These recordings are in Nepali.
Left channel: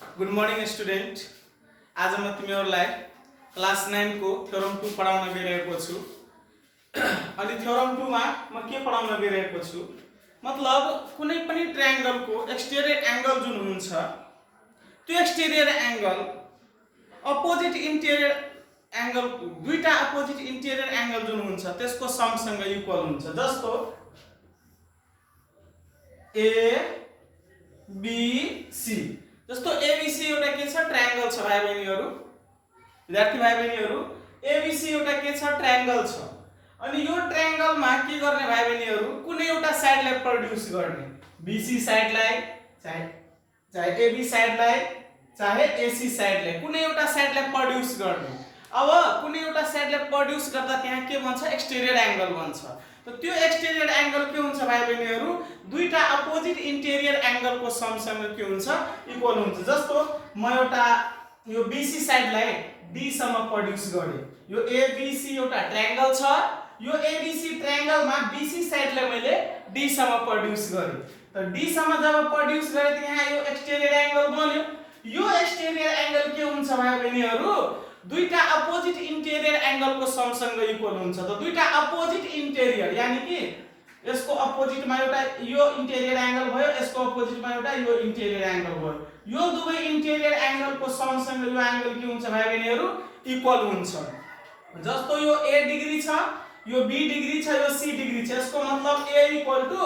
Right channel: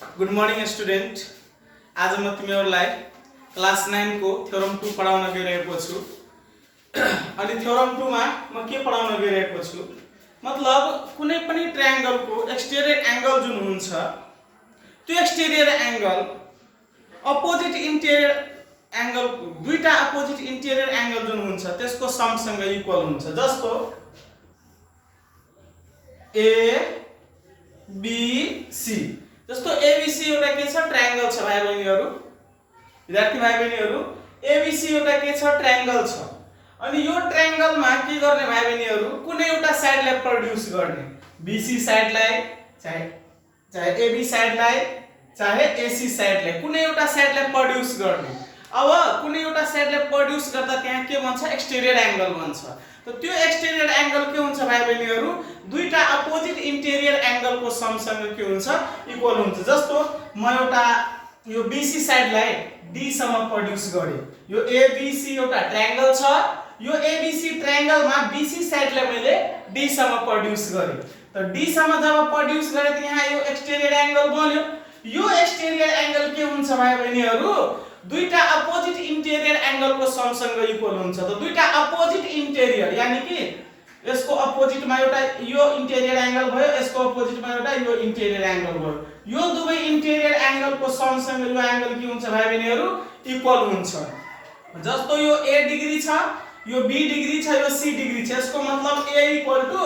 Good morning student. आज म तिमीहरूलाई क्लास 9 को थ्योरम 2 पढाउन गइरहेको छु। अनि थ्योरम 2 मा म के पढाउन गइरहेको छु मतलब कुनै पनि ट्रायंगलको एक्सटेरियर एंगल जुन हुन्छ त्यो exterior angle opposite interior angle दुईटा अपोजिट इन्टेरियर एंगल जुन हुन्छ त्यसको समसँग इक्वल हुन्छ। जस्तो ए बी सी, जस्तो एबीसी एउटा के छ ट्रायंगल छ भाइ बहिनीहरु, विद्यार्थी भाइ बहिनीहरु एबीसी एउटा के छ ट्रायंगल छ। अनि यो ट्रायंगल मा के गर्ने भाइ बहिनीहरु कुनै एउटा साइडलाई प्रोड्युस गर्ने, बीसी साइडलाई चाहे एबी साइडलाई चाहे एसी साइडलाई कुनै एउटा साइडलाई प्रोड्युस गर्ने। अब कुनै एउटा साइडलाई प्रोड्युस गर्दा त्यहाँ के बन्छ एक्सटेरियर एंगल बन्छ। तो त्यो एक्सटेरियर एंगल के हुन्छ भाइ बहिनीहरु दुईटा अपोजिट इन्टेरियर एंगल को समसँग के हुन्छ इक्वल हुन्छ। जस्तो म एउटा यो बीसी साइडलाई डी सम्म प्रोड्युस गरे, यो एबीसी एउटा ट्रायंगल छ, यो एबीसी ट्रायंगल मा बीसी साइडलाई मैले डी सम्म प्रोड्युस गरे। त डी सम्म जब प्रोड्युस गरे त यहाँ यो एक्सटेरियर एंगल बन्यो। यो एक्सटेरियर एंगल के हुन्छ भाइ बहिनीहरु दुईटा अपोजिट इन्टेरियर एंगल को समसँग इक्वल हुन्छ। त दुईटा अपोजिट इन्टेरियर यानी कि यसको अपोजिट मा एउटा यो इन्टेरियर एंगल भयो, यसको अपोजिट मा एउटा यो इन्टेरियर एंगल भयो। यो दुवै इन्टेरियर एंगल को समसँग यो एंगल के हुन्छ भाइ बहिनीहरु इक्वल हुन्छ। जस्तो यो ए डिग्री छ, यो बी डिग्री छ, यो सी डिग्री छ, यसको मतलब a equal to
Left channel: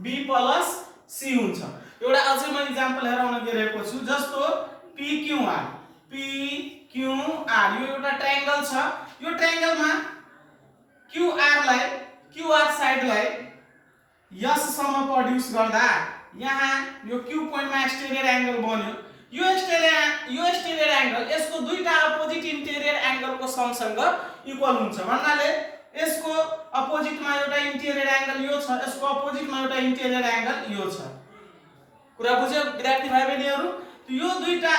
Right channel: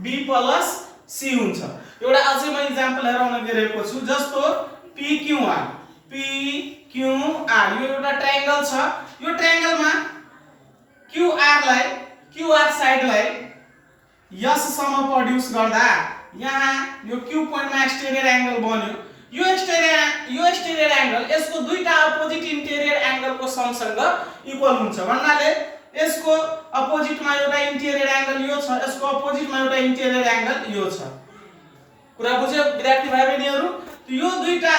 b plus c हुन्छ। एउटा अझै म एक्जाम्पल हेराउन गइरहेको छु। जस्तो P Q R, P Q R यो एउटा ट्रायंगल छ। यो ट्रायंगल मा क्यू आर साइडलाई यस सम्म प्रोड्युस गर्दा यहाँ यो क्यू पोइन्ट मा एक्सटेरियर एंगल बन्यो। यो एक्सटेरियर एंगल यसको दुईटा अपोजिट इन्टेरियर एंगल को समसँग इक्वल हुन्छ भन्नाले यसको अपोजिट मा एउटा इन्टेरियर एंगल यो छ, यसको अपोजिट मा एउटा इन्टेरियर एंगल यो छ। कुरा बुझ्यो विद्यार्थी भाइ बहिनीहरु? यो दुईटा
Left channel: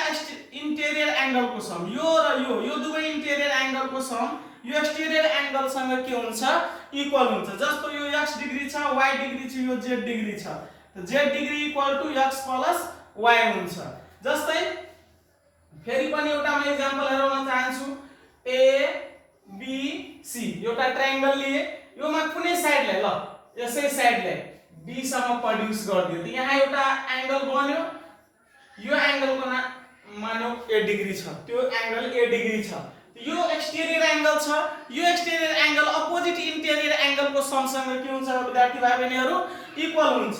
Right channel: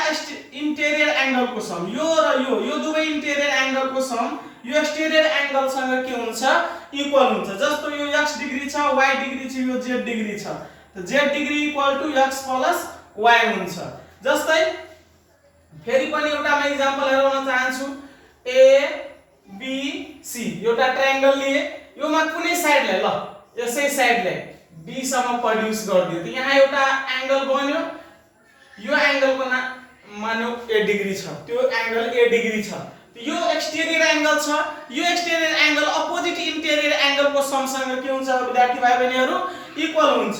इन्टेरियर एंगल को सम यो र यो दुवै इन्टेरियर एंगल को सम यो एक्सटेरियर एंगल सँग के हुन्छ इक्वल हुन्छ। जस्तो यो x डिग्री छ, y डिग्री छ, यो z डिग्री छ, त z degree equal to x plus y हुन्छ। जस्तै फेरि पनि एउटा म एक्जाम्पल हेराउन चाहन्छु। ए बी सी एउटा ट्रायंगल लिए, यो मा कुनै साइडलाई ल यसै साइडलाई डी सम्म प्रोड्युस गर्दियो त यहाँ एउटा एंगल बन्यो। यो एंगल को नाम मान्यो ए डिग्री छ, त्यो एंगल ए डिग्री छ, यो एक्सटेरियर एंगल छ। यो exterior angle opposite interior angle को समसँग के हुन्छ विद्यार्थी भाइ बहिनीहरु इक्वल हुन्छ।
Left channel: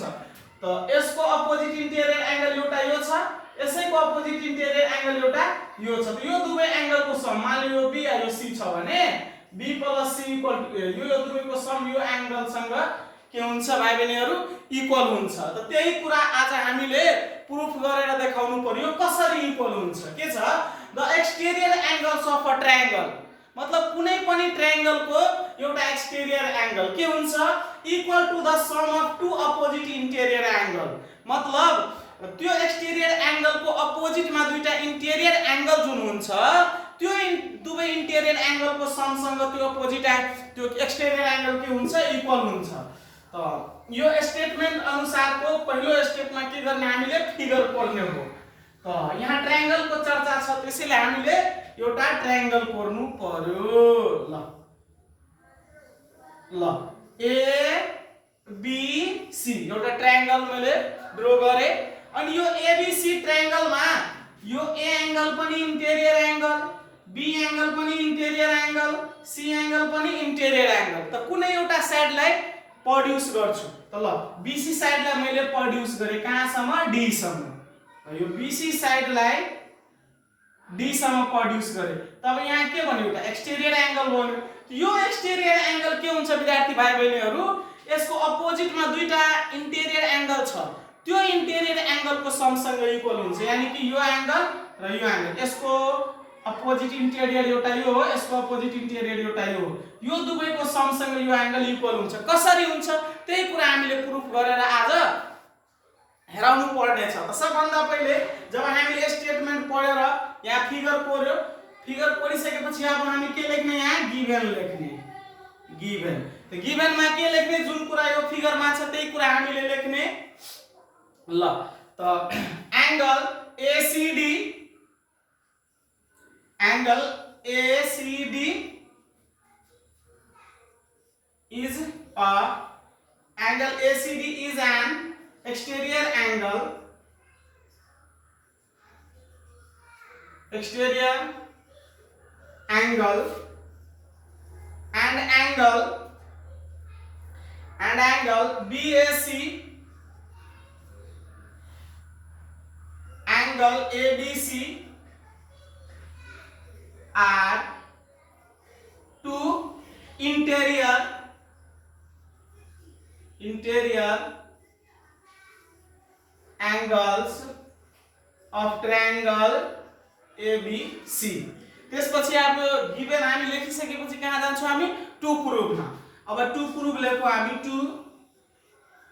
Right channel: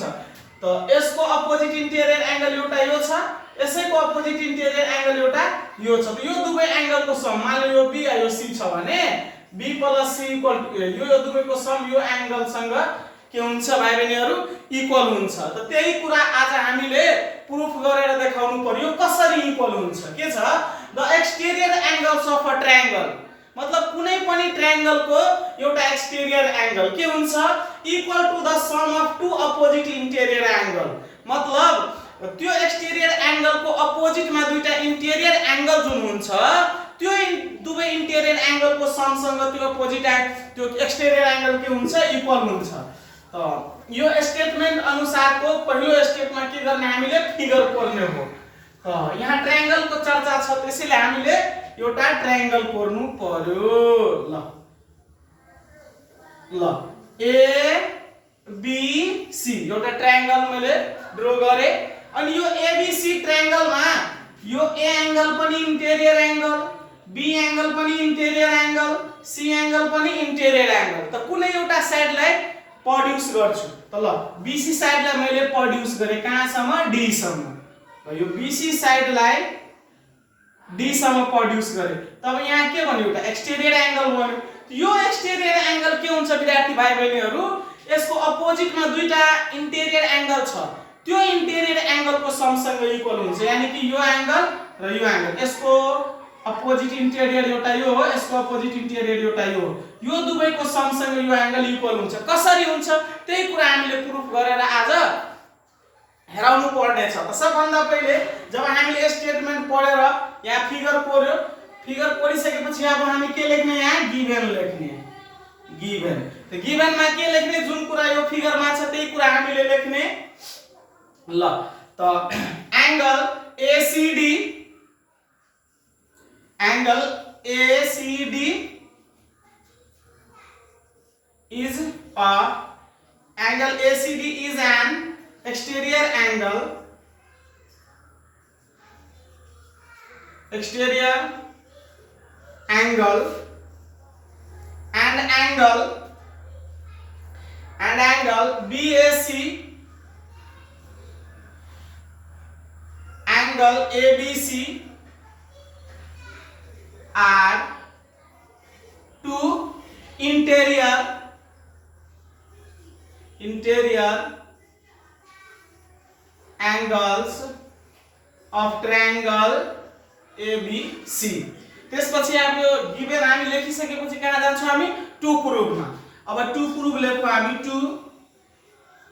त यसको अपोजिट इन्टेरियर एंगल एउटा यो छ, यसैको अपोजिट इन्टेरियर एंगल एउटा यो छ। त यो दुवै एंगल को सम मान लो यो बी या यो सी छ भने B plus C equal to यो दुवैको सम यो एंगल सँग के हुन्छ भाइ बहिनीहरु इक्वल हुन्छ। त त्यही कुरा आज हामीले प्रुफ गरेर देखाउनु पर्यो कसरी इक्वल हुन्छ। के छ the exterior angles of a triangle मतलब कुनै पनि ट्रायंगल को एउटा एक्सटेरियर एंगल के हुन्छ equal to the sum of two opposite interior angle. मतलब त्यो एक्सटेरियर एंगल को अपोजिट मा दुईटा इन्टेरियर एंगल जुन हुन्छ त्यो दुवै इन्टेरियर एंगल को समसँग त्यो अपोजिट त्यो एक्सटेरियर एंगल के हुन्छ इक्वल हुन्छ। त यो स्टेटमेन्ट अनुसारको पहिलो स्टेपमा के गर्ने हामीले फिगर कोर्ने हो। त यहाँ ट्रायंगल को चर्चा छ त्यसैले हामीले एउटा ट्रायंगल कोर्नु पर्यो। ल ए बी सी एउटा ट्रायंगल मैले ड्रा गरे। अनि यो एबीसी ट्रायंगल मा यो ए एंगल पनि इन्टेरियर एंगल, बी एंगल पनि इन्टेरियर एंगल, सी एंगल पनि इन्टेरियर एंगल। त कुनै एउटा साइडलाई प्रोड्युस गर्छु। त ल बीसी साइडलाई मैले प्रोड्युस गरे कहाँसम्म डी सम्म। र यो बीसी साइडलाई डी सम्म प्रोड्युस गरे तब यहाँ के भन्यो एउटा एक्सटेरियर एंगल बन्यो। यो एक्सटेरियर एंगल के हुन्छ विद्यार्थी भाइ बहिनीहरु यसको अपोजिट मा दुईटा इन्टेरियर एंगल छ, त्यो इन्टेरियर एंगल को समसँग इक्वल हुन्छ। यानी कि यो एंगल र यो एंगल यसको अपोजिट इन्टेरियर एउटा यो हो, यसको अपोजिट इन्टेरियर एउटा यो हो, यो दुवैको समसँग यो एंगल इक्वल हुन्छ। कसरी हुन्छ त्यही कुरा हामीले प्रुफ गरेर आज हेराउनु पर्ने छ। त सबभन्दा पहिले जब हामीले स्टेटमेन्ट पढेर यहाँ फिगर कोर्यो, फिगर कोरिसकेपछि अब हामी के लेख्ने यहाँ गिवन लेख्ने। गिवन त गिवन मा के लेख्ने जुन कुरा यो फिगर मा छ त्यही कुरा हामीले लेख्ने। ल त angle ACD angle ACD is a angle ACD is an exterior angle and angle BAC angle ABC are two interior angles of triangle ABC. त्यसपछि अब यो गिवन हामी लेखिसकेपछि कहाँ जान्छौँ हामी टु प्रुफमा। अब टु प्रुफ लेखौँ हामी टु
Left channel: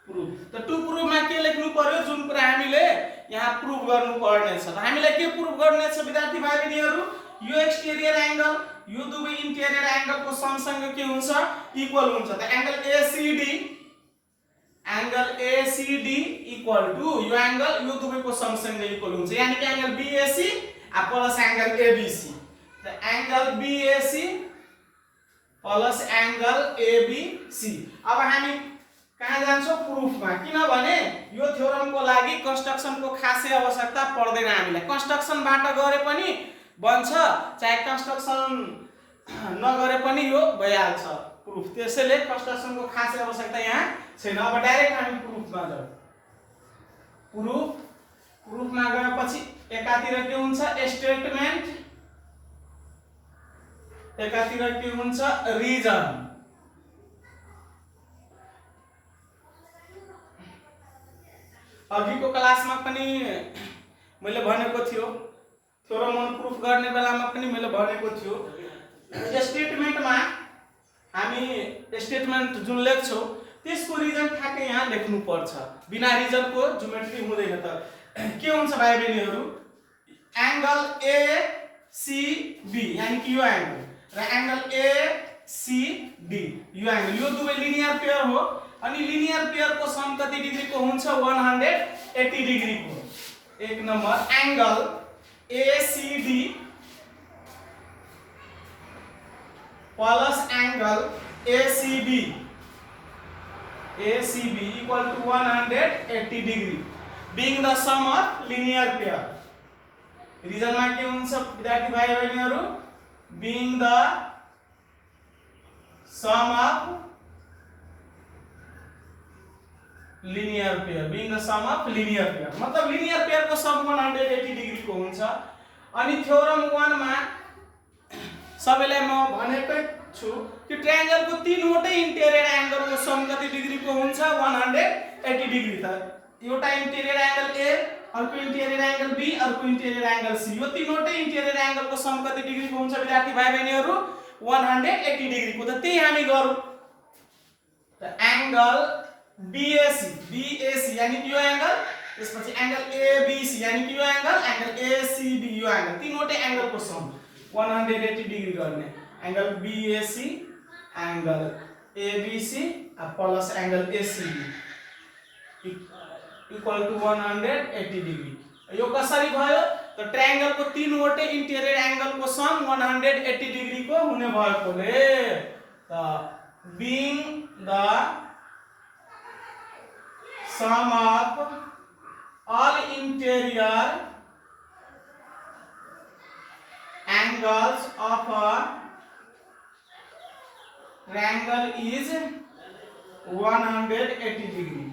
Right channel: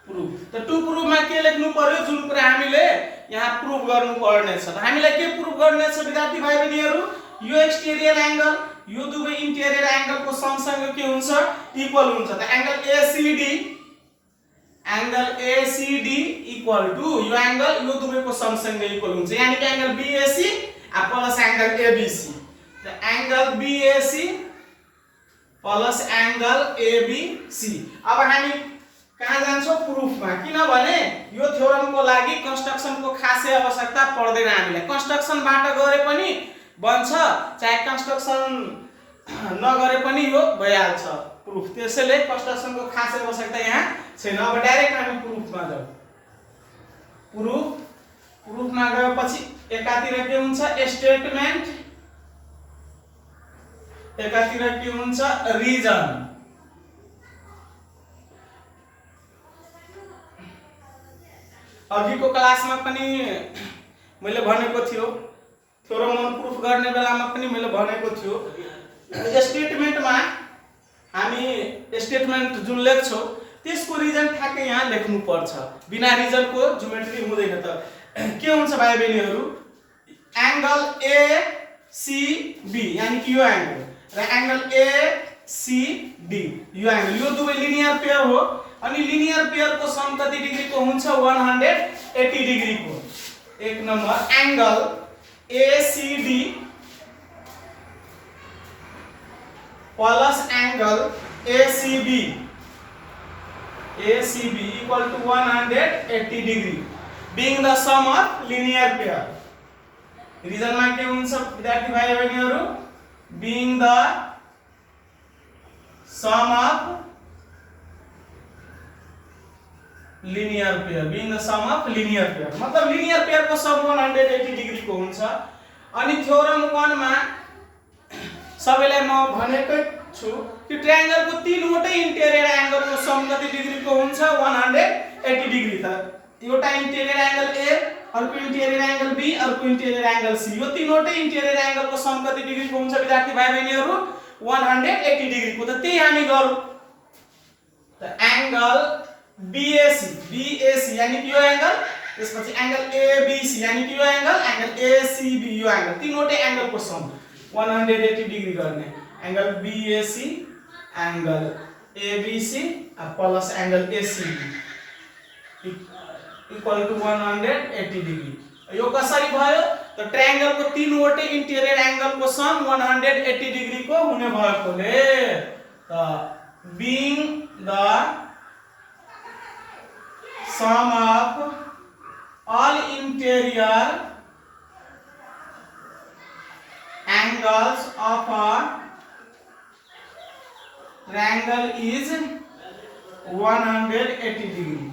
प्रुफ। त टु प्रुफमा के लेख्नु पर्यो जुन कुरा हामीले यहाँ प्रुफ गर्नु पर्ने छ। हामीलाई के प्रुफ गर्ने छ विद्यार्थी भाइ बहिनीहरु यो एक्सटेरियर एंगल यो दुवै इन्टेरियर एंगल को सँगसँग के हुन्छ इक्वल हुन्छ। त एंगल ACD इक्वल टु यो एंगल यो दुवैको सँगसँग इक्वल हुन्छ यानी कि angle BAC plus angle ABC। त angle BAC plus angle ABC। अब हामी कहाँ जान्छौँ प्रुफमा किनभने यो थ्योरम को लागि कन्स्ट्रक्सन को खासै आवश्यकता पर्दैन। हामीलाई कन्स्ट्रक्सन बाट गरे पनि बन्छ चाहे कन्स्ट्रक्सन नगरे पनि यो भइहाल्छ प्रुफ। त्यसैले कन्स्ट्रक्सन को खासै आवश्यकता यहाँ छैन। अब डाइरेक्ट हामी प्रुफमा जाऊ। प्रुफमा गएपछि एकातिर के हुन्छ स्टेटमेन्ट एकातिर के हुन्छ रिजन। अघिको क्लासमा पनि मैले भनेको थियो थ्योरम अन प्रुफ गर्ने बेलामा पनि मैले भनेको थियो स्टेटमेन्टमा हामी स्टेटमेन्ट जुन लेख्छौं त्यसको रिजन ठ्याक्कै यहाँ लेख्नु पर्छ। बिना रिजनको ज्योमेट्री हुँदैन। त के हुन्छ भाइ बहिनीहरु एंगल ACB यानी कि यो एंगल र एंगल ACD यो एंगल यो दुवै लिनियर पेयर हो अनि लिनियर पेयर को सम कति डिग्री को हुन्छ 180 डिग्री को। एक number angle ACD plus angle ACB equal to 180 degree being the sum of linear pair। Reason में के हुन्छ विद्यार्थी भाइ बहिनीहरु being the sum of linear pair मतलब linear pair को सम 180 डिग्री को हुन्छ। अनि थ्योरम 1 मा सबैलाई म भनेकै छु कि ट्रायंगल को तीनवटै इन्टेरियर एंगल को सम कति डिग्री को हुन्छ 180 डिग्री। त एउटा इन्टेरियर एंगल A अर्को इन्टेरियर एंगल B अर्को इन्टेरियर एंगल C यो तीनवटै इन्टेरियर एंगल को सम कति डिग्री को हुन्छ विद्यार्थी भाइ बहिनीहरु 180 डिग्री को। त त्यही हामी गरौँ। त एंगल BAC यानी कि यो एंगल त्यसपछि एंगल ABC यानी कि यो एंगल ACB यो एंगल तीनवटै एंगल को सम 180 डिग्री गर्ने angle BAC angle ABC plus angle ACB equal to 180 degree. यो कसरी भयो त ट्रायंगल को तीनवटै इन्टेरियर एंगल को सम 180 डिग्री को हुने भएकोले त being the sum of all interior angles of a triangle is 180 degree।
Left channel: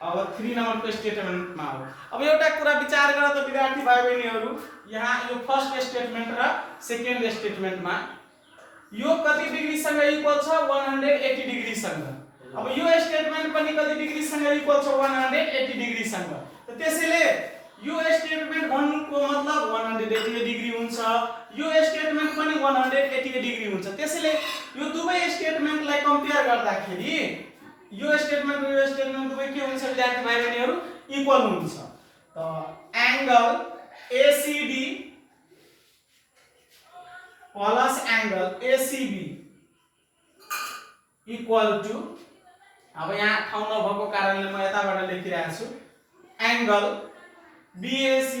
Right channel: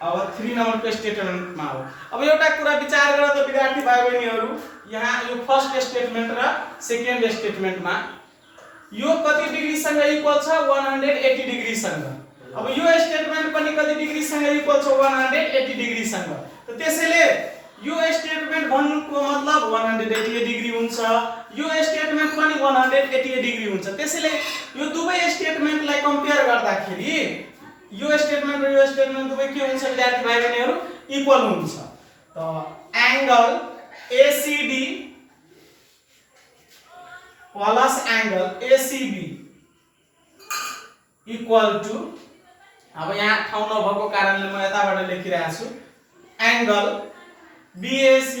अब 3 नंबर को स्टेटमेंट मा हो। अब एउटा कुरा विचार गर त विद्यार्थी भाइ बहिनीहरु यहाँ यो फर्स्ट स्टेटमेन्ट र सेकेन्ड स्टेटमेन्ट मा यो कति डिग्री सँग इक्वल छ 180 डिग्री सँग। अब यो स्टेटमेन्ट पनि कति डिग्री सँग इक्वल छ 180 डिग्री सँग। त त्यसैले यो स्टेटमेन्ट भन्नुको मतलब 180 डिग्री हुन्छ यो स्टेटमेन्ट पनि 180 डिग्री हुन्छ। त्यसैले यो दुवै स्टेटमेन्टलाई कम्पेयर गर्दाखेरि यो स्टेटमेन्ट र यो स्टेटमेन्ट दुवै के हुन्छ विद्यार्थी भाइ बहिनीहरु इक्वल हुन्छ। त angle ACD plus angle ACB equal to अब यहाँ ठाउँ नभएको कारणले म यताबाट लेखिरहेको छु angle BAC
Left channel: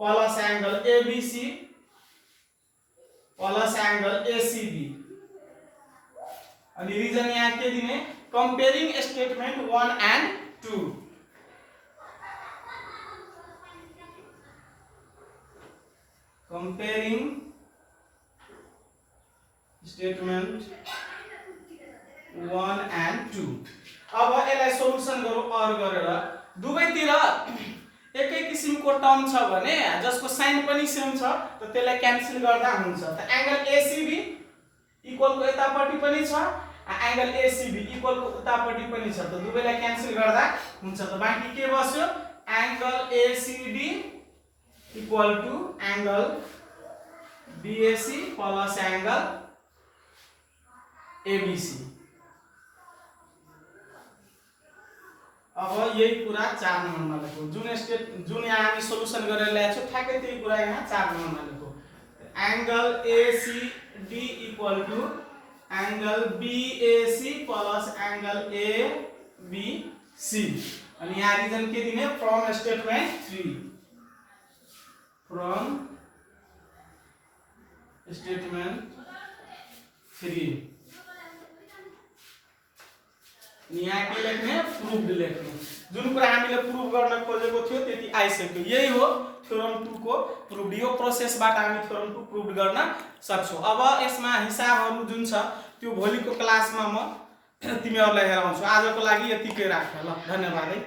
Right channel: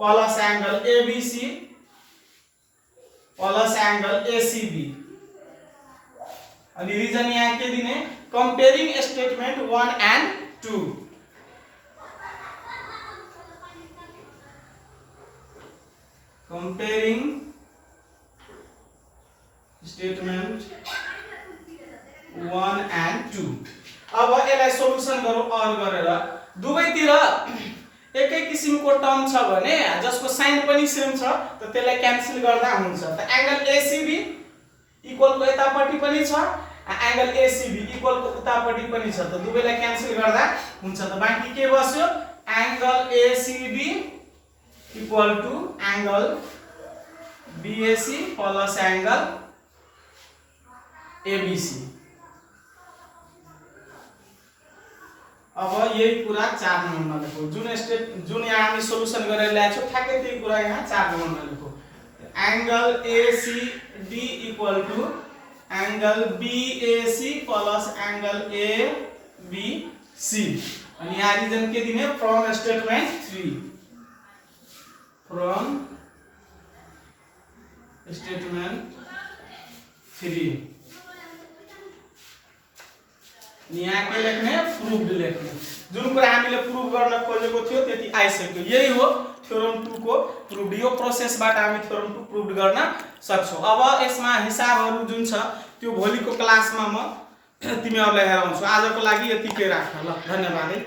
plus angle ABC plus angle ACB। अनि रिजन यहाँ के दिने comparing statement 1 and 2। Comparing statement 1 and 2। अब यसलाई सोलुसन गरौँ अर गरेर। दुवैतिर एकै किसिमको टर्म छ भने जसको साइन पनि सेम छ त त्यसलाई क्यान्सल गर्दा हुन्छ। त एंगल ACB इक्वल को यतापट्टि पनि छ, एंगल ACB इक्वल को उतापट्टि पनि छ, त दुवैलाई क्यान्सल गर्दा हुन्छ। त बाँकी के बस्यो angle ACB equal to angle BAC plus angle ABC। अब यही कुरा 4 नम्बरमा लेखो। जुन यहाँ हामी सोलुसन गरेर ल्याएको छौं ठ्याक्कै त्यही कुरा यहाँ 4 नम्बरमा लेखो। Angle ACD equal to angle BAC plus angle ABC। अनि यहाँ रिजन के दिने फ्रम स्टेटमेंट 3। फ्रम स्टेटमेंट 3 यहाँ के लेख्ने प्रूव्ड लेख्ने। जुन कुरा हामीले प्रूभ गर्न खोजेको थियो त्यति आइसक्यो। यही हो थ्योरम 2 को प्रूभ। यो प्रोसेसबाट हामी थ्योरम 2 प्रूभ गर्न सक्छौं। अब यसमा हिसाबहरु जुन छ त्यो भोलिको क्लासमा म तिमीहरुलाई हेराउँछु। आजको लागि यतिकै राख ल। धन्यवाद है।